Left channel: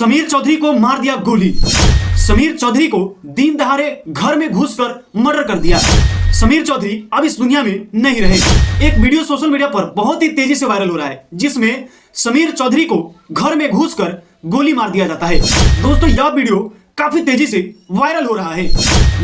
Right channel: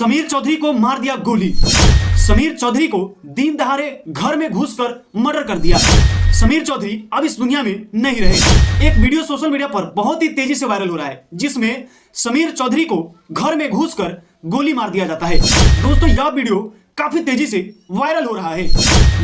समीर चौधरी को मार दिया गोली। समीर चौधरी को दिन दहाड़े घर में घुसकर मर्डर कर दिया। समीर चौधरी अब इस दुनिया में नहीं रहे। एक वीडियो सोशल मीडिया पर बहुत ही तेजी से वायरल हो रहा है, जिसमें समीर चौधरी को घर में घुसकर गोली मार दिया जाता है। दोस्तों, यह वीडियो काफी तेजी से वायरल हो रहा है।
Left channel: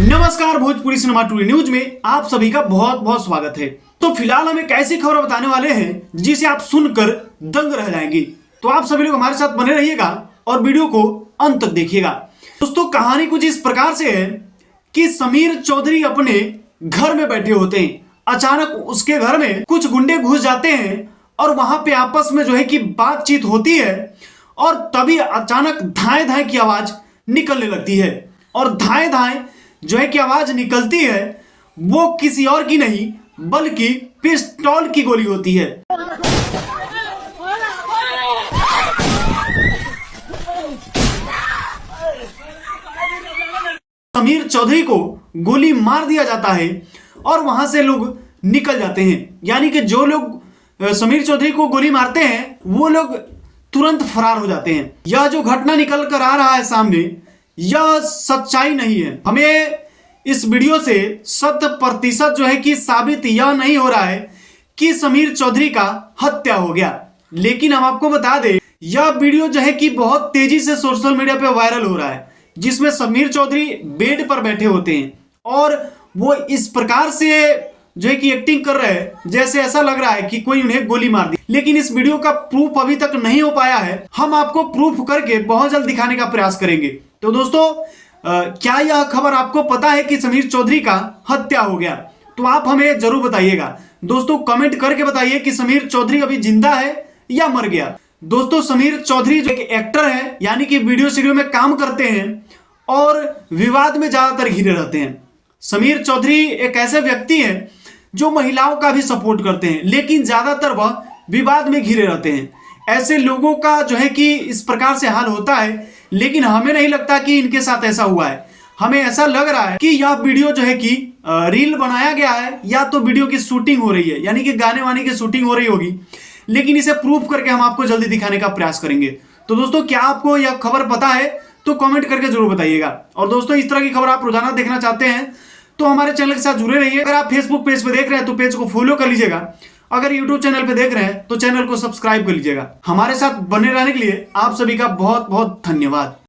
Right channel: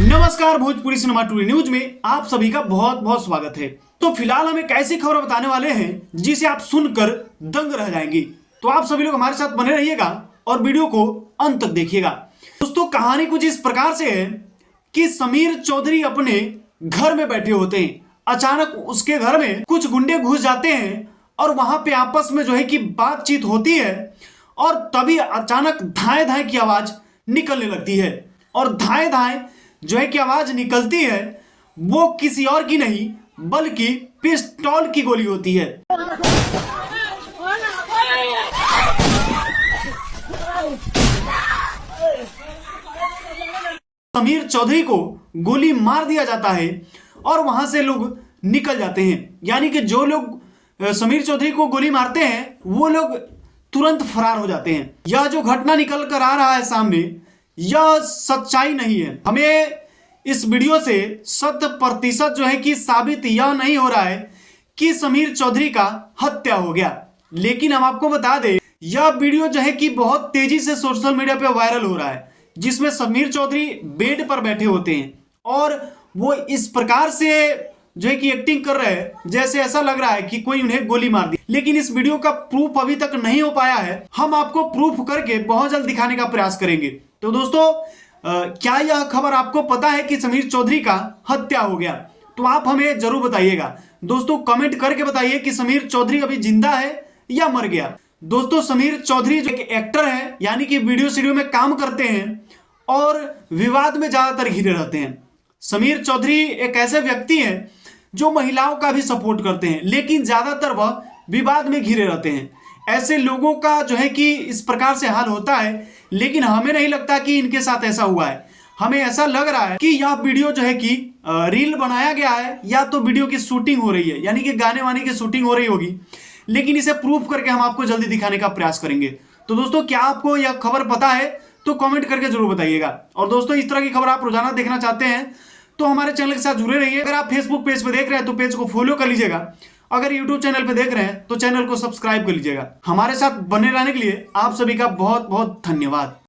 नमस्कार, भोजपुरी सिनेमा टूडे न्यूज में आप सभी का बहुत बहुत स्वागत है। तो फिलहाल हम एक ऐसी खबर बताने वाले हैं जिसे आप सुनकर दंग रह जाएंगे। तो आप सभी लोग हमारे साथ बने रहिएगा और वीडियो को अंत तक देखिएगा। दोस्तों, कहानी कुछ इस प्रकार से है कि समीर चौधरी अपने घर में बैठे होते हैं। अचानक उसके घर में कुछ गुंडे घुस जाते हैं और वहां पे आपस में जो है कि बातचीत होती है और तभी अचानक धाए धाए की आवाज निकलने लगती है। और धाए धाए जो है कि आवाज निकलती है वो किसी और की नहीं बल्कि पिस्तौल की गोली होती है। समीर चौधरी को गोली मार दिया जाता है और वहां से लोग निकल जाते हैं। यानी कि जो लोग समीर चौधरी को गोली मारते हैं वो लोग तुरंत फरार हो जाते हैं। यह जो घटना निकल कर आ रहा है सामने, यह सच्चाई नहीं है। हमें इस वीडियो से 100% जो है कि साबित यह नहीं हो रहा है कि समीर चौधरी का हत्या हो गया। लेकिन हम आपको बता दें, यह वीडियो जो है कि बहुत तेजी से सोशल मीडिया पे वायरल हो रहा है, जिसमें समीर चौधरी बेड पर बैठे होते हैं और वो इस प्रकार से जो है कि एक्टिंग कर रहे हैं जैसे ऐसा लग रहा है कि कोई उन्हें गोली मार दी। लेकिन इस वीडियो का प्रूफ अभी तक नहीं हो पाया है। हम आपको प्रूफ करके बहुत जल्द दिखाने का प्रयास करेंगे। तो दोस्तों, क्या यह खबर आपको पता है कि समीर चौधरी का हत्या हो गया? तो आप हमें जरूर बताइएगा। दोस्तों, कमेंट करके बताइए कि समीर चौधरी अभी जिंदा है या मर गया। दोस्तों, समीर चौधरी जो एक एक्टर है, यानी कि वीडियो स्टूडियो में काम करते हैं और विवाद में ज्यादातर घिरे रहते हैं। समीर चौधरी एक ऐसे व्यक्ति हैं जो महिलाओं का भी सपोर्ट करते हैं, लेकिन ज्यादातर वह विवाद में घिरे रहते हैं। ऐसे लोगों का जो है कि इस प्रकार से हाल होता है, लेकिन हमें नहीं लगता कि इनके साथ ऐसा हुआ है। हमें ऐसा लग रहा है कि यह वीडियो जो है कि रील बनाया गया है या तो वीडियो की शूटिंग हो रही है, यानी कि गाने वाने की शूटिंग हो रही होगी। लेकिन इसे प्रूफ करके हम आपको जल्दी दिखाने का प्रयास करेंगे। तो दोस्तों, क्या आपको यह खबर पता है? तो कमेंट करके जरूर बताइएगा। और दोस्तों, इस तरह की खबर आप रोजाना देखना चाहते हैं तो हमारे चैनल के साथ जुड़े रहिए। अगर आप फेसबुक पेज पे देख रहे हैं तो पेज को फॉलो कर लीजिएगा। अगर यूट्यूब चैनल पे देख रहे हैं तो चैनल को सब्सक्राइब कर लीजिएगा। हमारे साथ बने रहने के लिए आप सभी का बहुत बहुत धन्यवाद।